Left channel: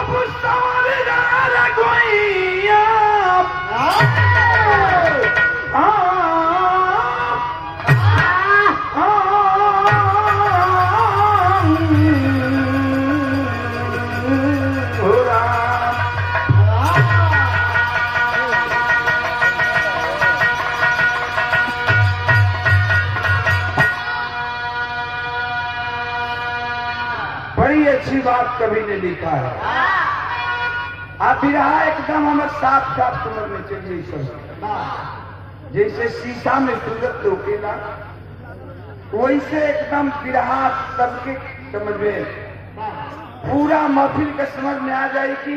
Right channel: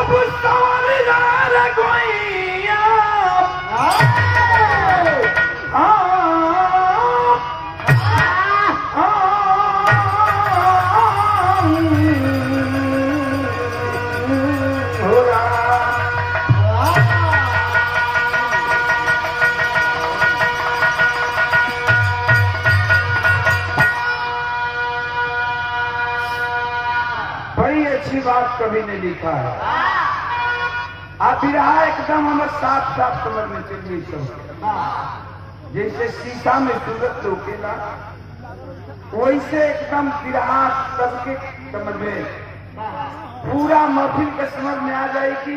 अब सवर रघुइया बड़ी अच्छी बात कवि ने लिखा है। आप रहा एकदम हमें साफ साफ समझ में चाहिए सब। जैसे शीशा में सूरत रोकेला वैसे एकदम विरहा सबके समझ में पूरा महफिल का समझ में आ जाए कि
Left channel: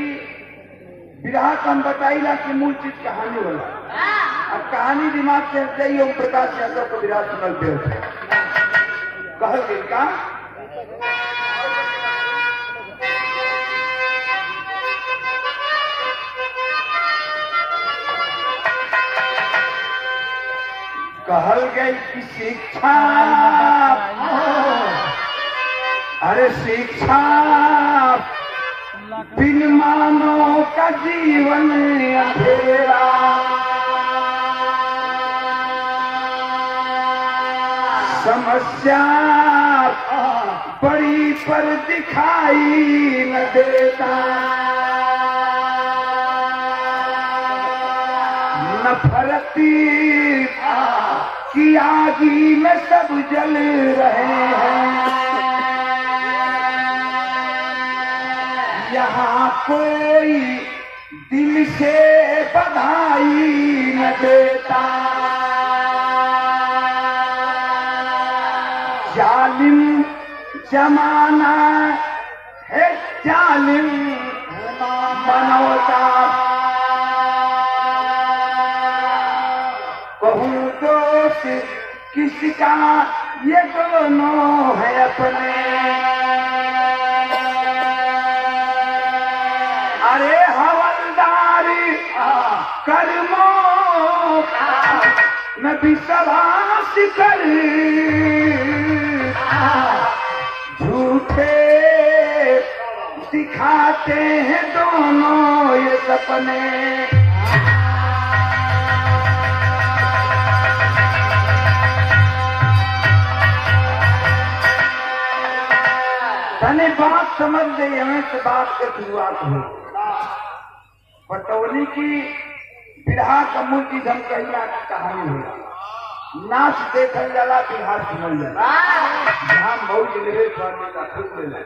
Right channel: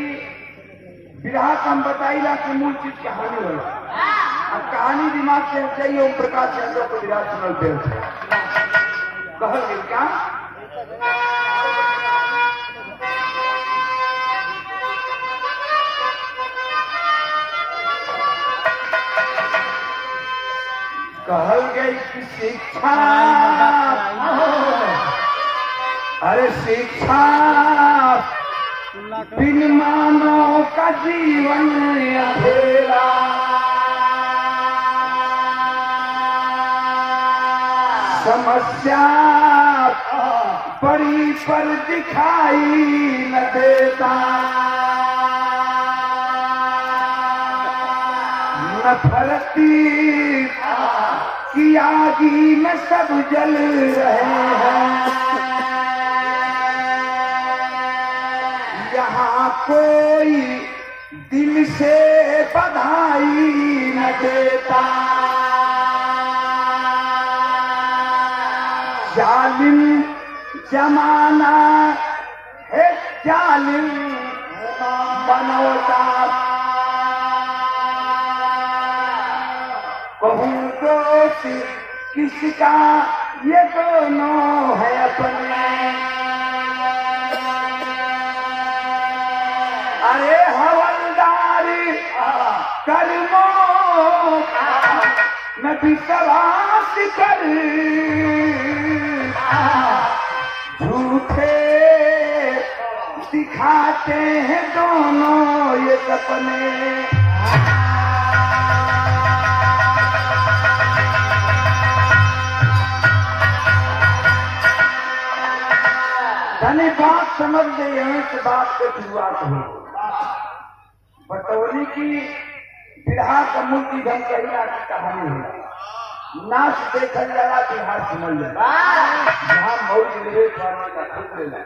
विरहा का हम बताइला कि मूल चीज कहानी वाला और कहानी दिमाग से चाहिए। ओम प्रकाश यादव को विराट सुनल पे कहल गई का कहल गई कि शिक्षा अरे शिक्षा बिन मानो का जीवन अंधेरा समस्या बड़ी पर दिखाई न देता नफरती की आगी में सब जल रहे हैं। यहाँ कोई दिल से बधाई न देता जालिम जमाना है जालिम बनौता कहूँ दोस्त किसका ये दोनों है अपने। अरे हवलदार कर्मों में विश्वास कर झूठे दिखाते हैं दोनों ये सपने। तने बात समझ गई हमें से बात की शुरुआत हो बटौली की बिरहा का मूल चीज हम कहिला की कहानी होला। नाच देखल जाला बिरहा सुनल जाला जहाँ मौज लेवे लेला खुद लेला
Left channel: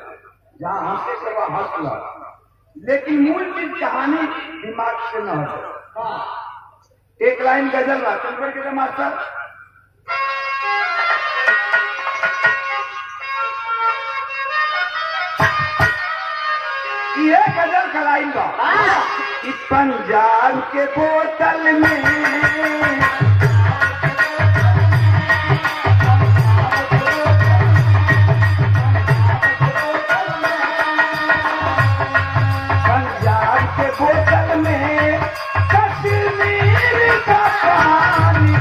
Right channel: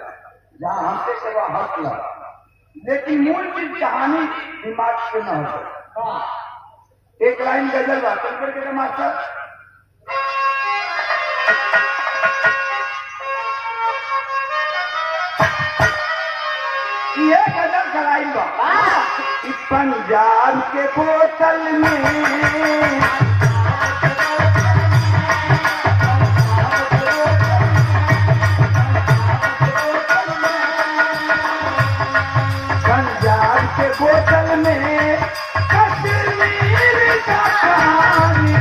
जहाँ हंसे कबा हंस ला लेकिन मूल चीज कहानी दिमाग से न हो। एक लाइन गजल बा चल पड़ के मास्टर ये गजल का लाइन बा कि पंजाब के बोतल में पंजाब के बोतल में कश्मीर का पानी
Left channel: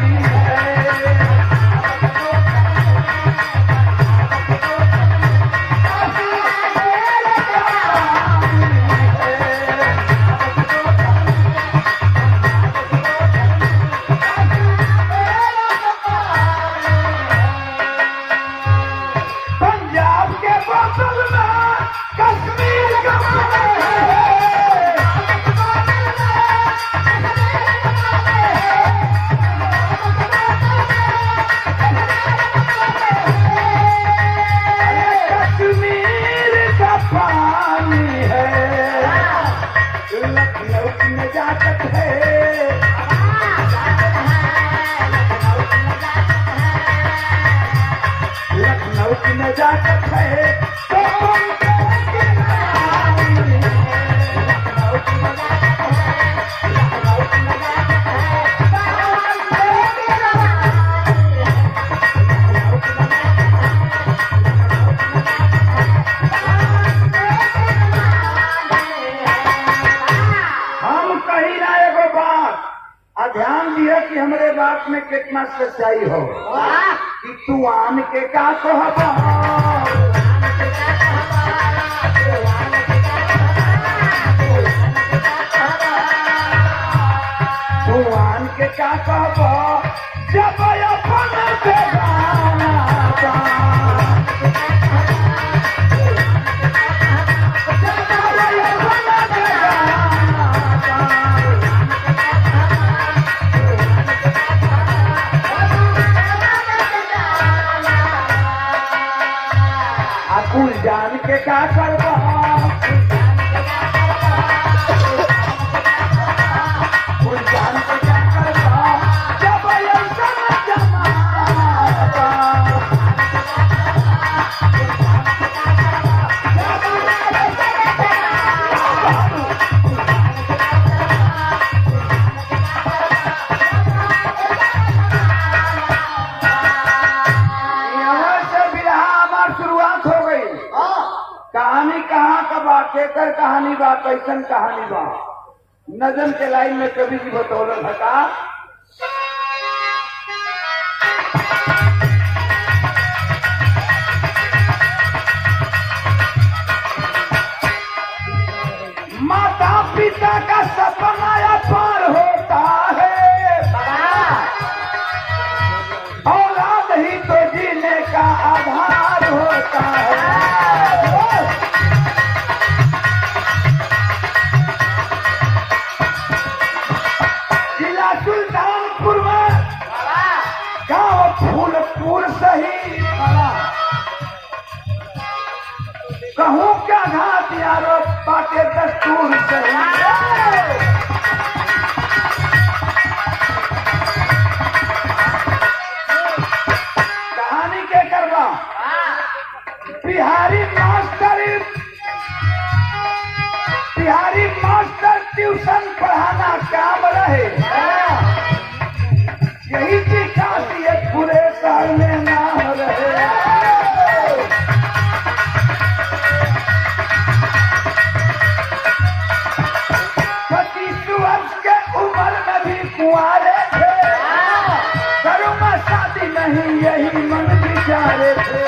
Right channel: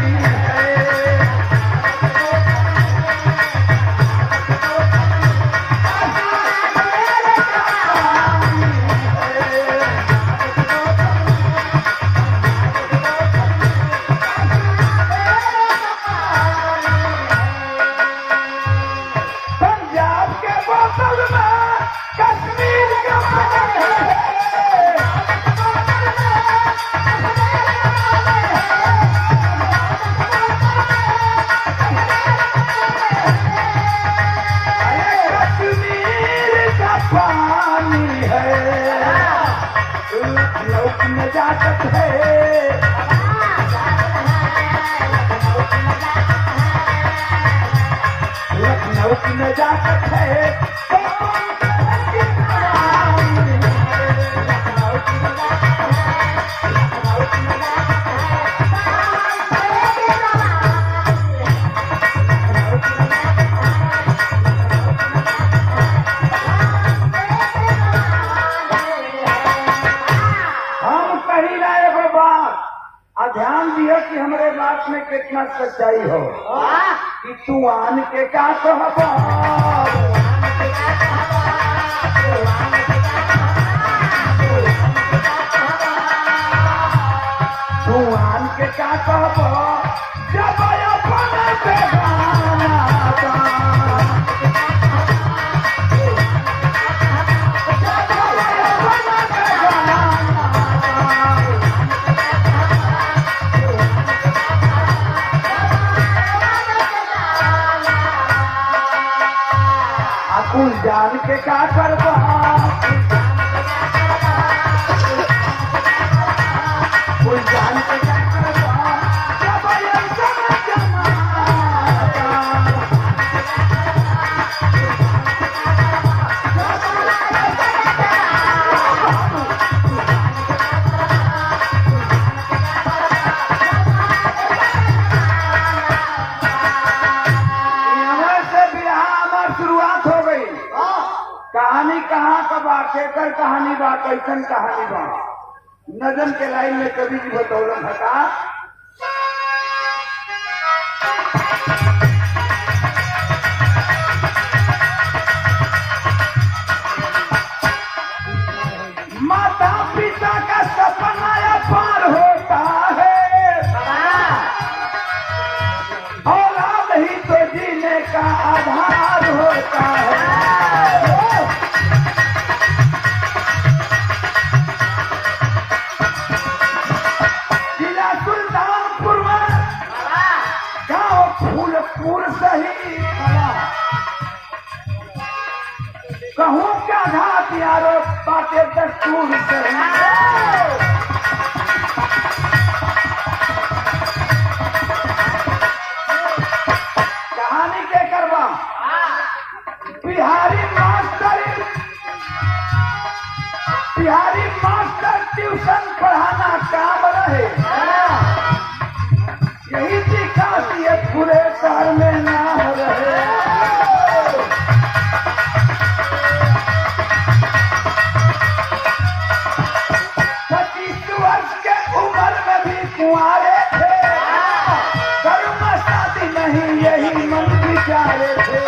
लखनऊ की नजाकत है ध्यान दिया कि हमारे बात में कितना सच्चाई हो कि तू आन के का कहबो जान के का करबा कोई जान के क्या करबा जब ऐसा जमाना यहाँ से बिरहा हमार शुरुआत हो गई। कहानी कहाँ का बा केकर कहानी बा कैसन कहानी बा नजम के लाइन में कवि जी बतौलन हटा माता पिता का सपना अपार होता है औलाद ही तो जीने का आधार होता है। जिला सुल्तानपुर में गांव फूलपुर सही कहूँ क्या घाट यारो बाटे दस्तूर सही। कहानी के करवा बिहारी मास्टर ट्यूशन पढ़ाना काम रहे यही की खासियत पूरे शहर में नाम रहे। 25 वर्ष के उम्र में भी कुंवारे थे करूँगा शादी नहीं यही मन विचारे थे।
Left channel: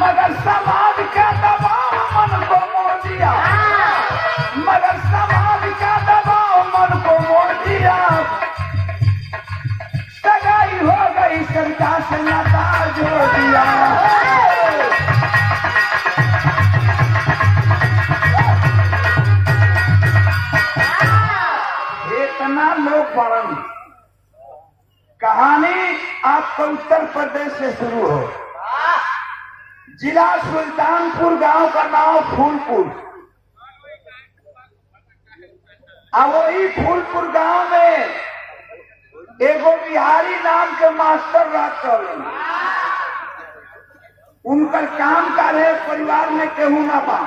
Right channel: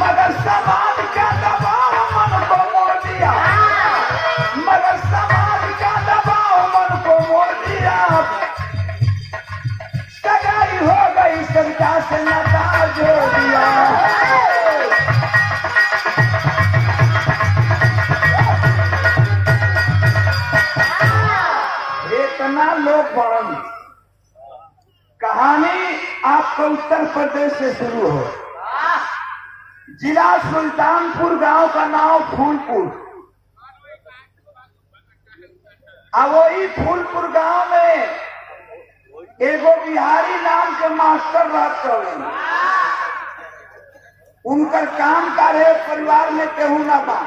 मगर समाज का दबाव मन को मोड़ दिया मगर समाज का दबाव मन को मोड़ दिया सगाई हो गई सरिता से नाता जोड़ दिया। इतना लोग पढ़न कहानी आपको उत्तर प्रदेश से शुरू हो। जिला सुल्तानपुर गांव का नाम फूलपुर अब वही फूलपुर गांव में एगो बिहारी नाम के मास्टर बात कर उनकर काम का रहे परिवार में केहू न बा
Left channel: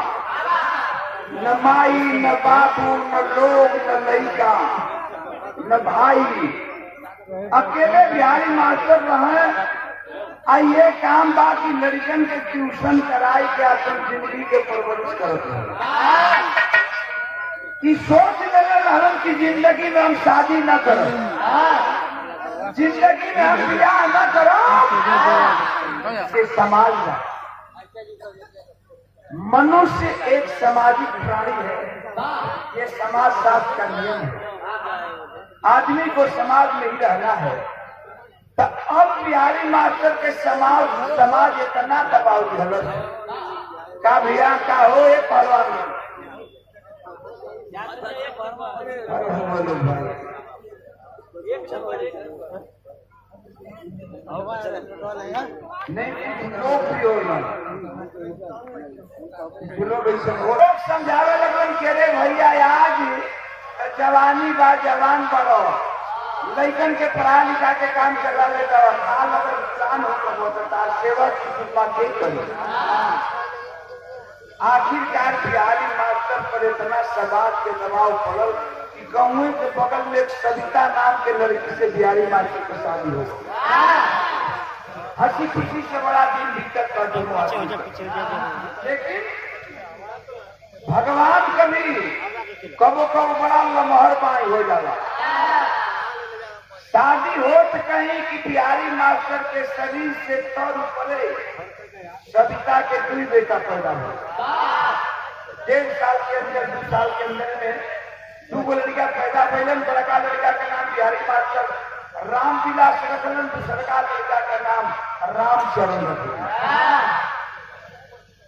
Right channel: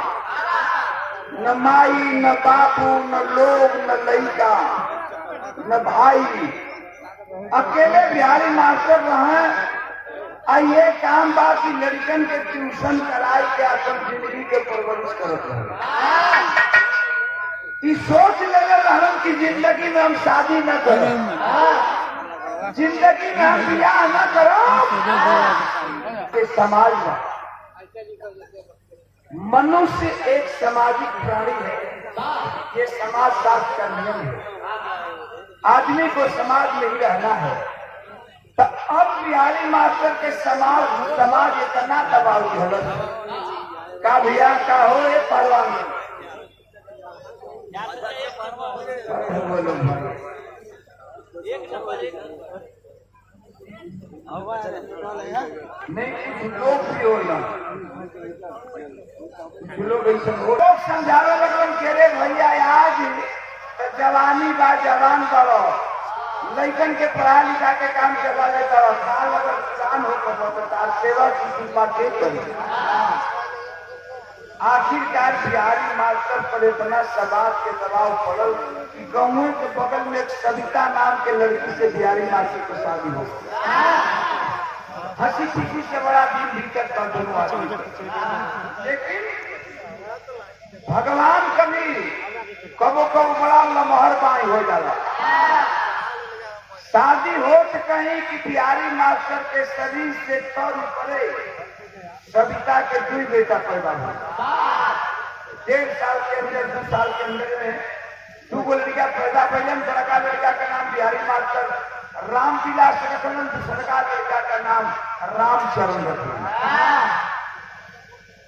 न माई न बाबू न लोग न लड़का न भाई अकेले बिहारी मास्टर रहे। ये काम बा की लड़कन के ट्यूशन कराई के अपन जिंदगी के परवरिश करत रहे। कि सोच ले रहन की जिंदगी में हम शादी न करें जिंदगी में हम ब्याह न करो। ये समाज बा मनुष्य एक सामाजिक प्राणी है ये समाज शास्त्र का नियम है। आदमी को समाज में ही रहना है। तो अब बिहारी मास्टर के समाज इतना दबाव झलक का भैया का हो ये पहलवान नहीं कुछ लोग भी हो लोग ऐसा लोग समझावे लगन के रे भैया आज जवानी बा जवान पड़ो लैकन के पढ़ा लिखा के काम चला लेता साल अगर किसान हो कबो तो तार सेवा की कृपा के करी। आखिरकार बिहारी मास्टर पर इतना समाज के दबाव पड़ल कि गाँव के बगल में एक सविता नाम के लड़की से बिहारी मास्टर की शादी हो गई। हंसी खुशी से बड़ा दिन दिक्कत कर दोनों आदमी लेकिन भगवान कभी कबो कबो बड़ा लमहर बाई हो जाला। शादी हो तो कहीं कि बिहारी मास्टर के शरीर से तौर पड़े सविता के 2 बेटा पैदा हो। 1.5 साल के अंदर 2 साल के अंदर में 2 गो लड़का पैदा भैलन। बड़का लड़का का नाम बिहारी मास्टर रामविलास रखलन दूसरका लड़का का नाम रामचरण रखलन।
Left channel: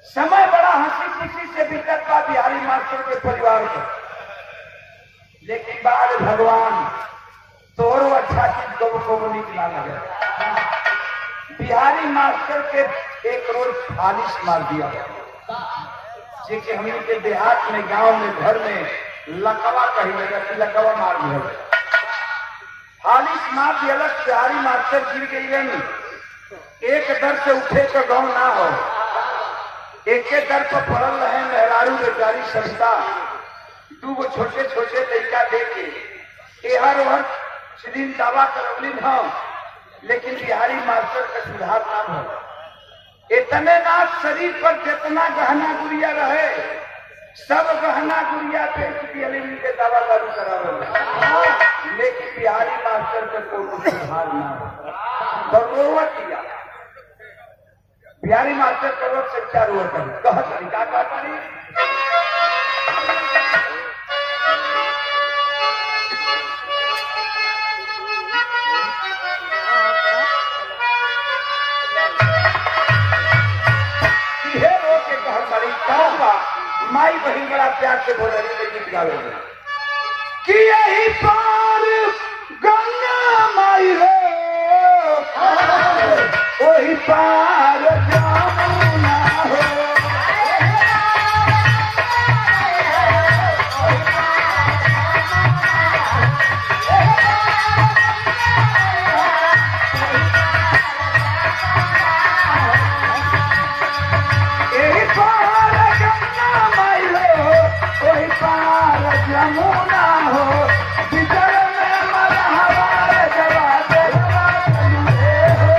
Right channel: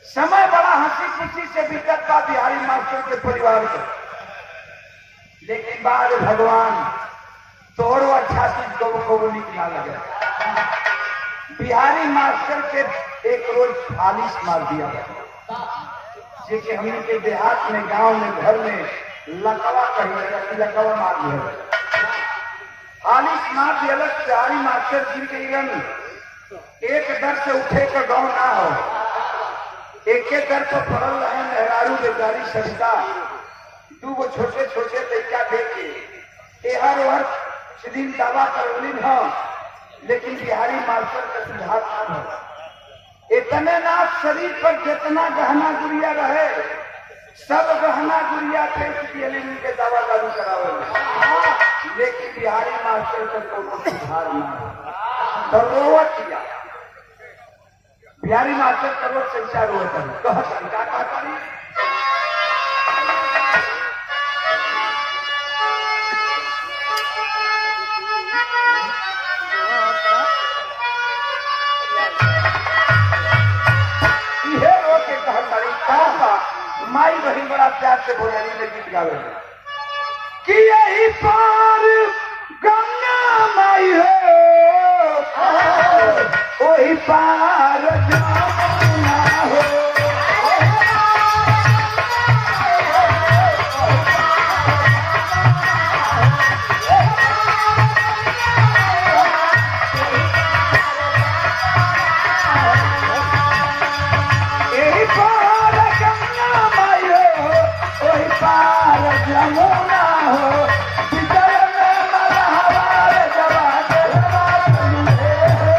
समय बड़ा हंसी खुशी से बीतत बा बिहारी मास्टर के परिवार पर। लेकिन बाद भगवान तोरो अच्छा चीज कबो निक ना लगे। बिहारी मास्टर के एक रोज फालिश मार दिया जे कि हमने के देहात में, गांव में, घर में लकवा कही लगा कि लकवा मार दिया। फालिश मार दिया, बिहारी मास्टर गिर गई रहनी। एक दर से उठे तो गाँव ना हो, एक दर पर पड़ल रहे मेहरारू बेचारी सविता। दू गो छोटे छोटे लड़का देखे एहर ओहर दिन दावा करौली न, लेकिन बिहारी मास्टर का सुधार ना हो। इतने ना शरीर पर जितना गहना गुड़िया रहे सब गहना गुड़िया बेच दिया के दावा दारू करावे, लेकिन बिहारी मास्टर का कोई सुधार ना हो। तो रोवत किया बिहारी मास्टर करो चर्चा रोवत कहतरी का कहतरी माई बहन बड़ा प्यार से बोल रही है गीत गावे कि यही पार गंगा माई है वही पार जमुना हो। जमुना हो बिचर में मरहवार जवाब हो।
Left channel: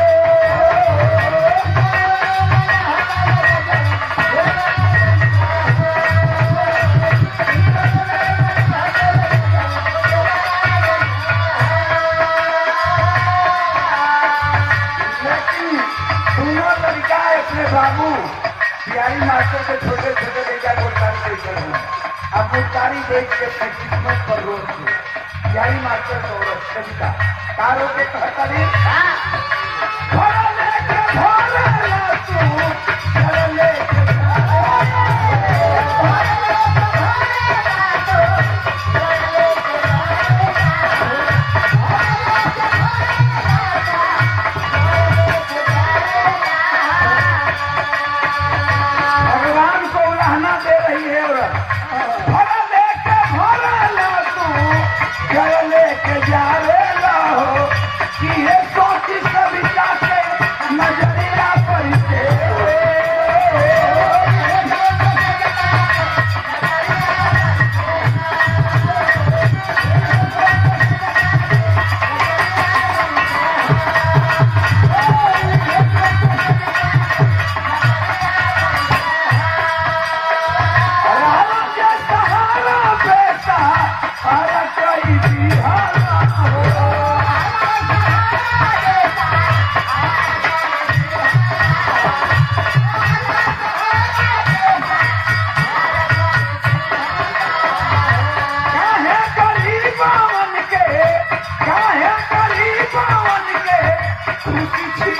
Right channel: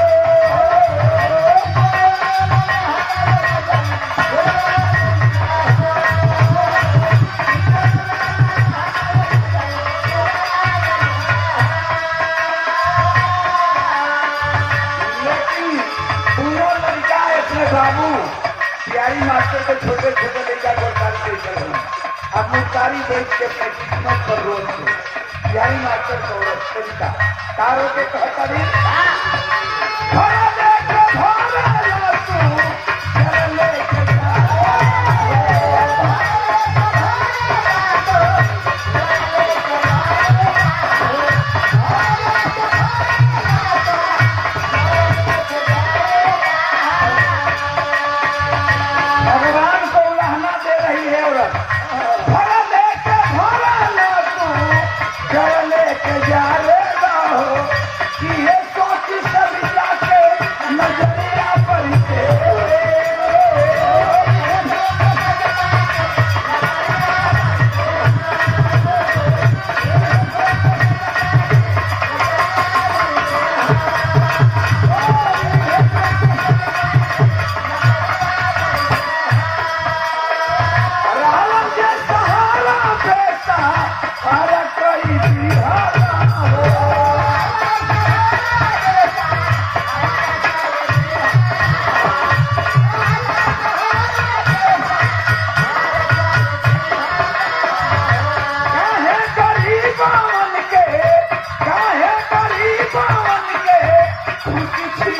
लेकिन दोनों लड़का अपने बाबू बिहारी मास्टर के छोटे छोटे लड़का गोलकारी बैठल हूँ। अब मुकारी बैठ के अपने किस्मत पर रोज से बिहारी मास्टर सौरभ कविता तारों के कहता भगवान को उलाहना दे रही है औरत। लेके जा रे हो कि ये सोची सविता के नजरिया पर सहारा पैसा हर कोई खुशी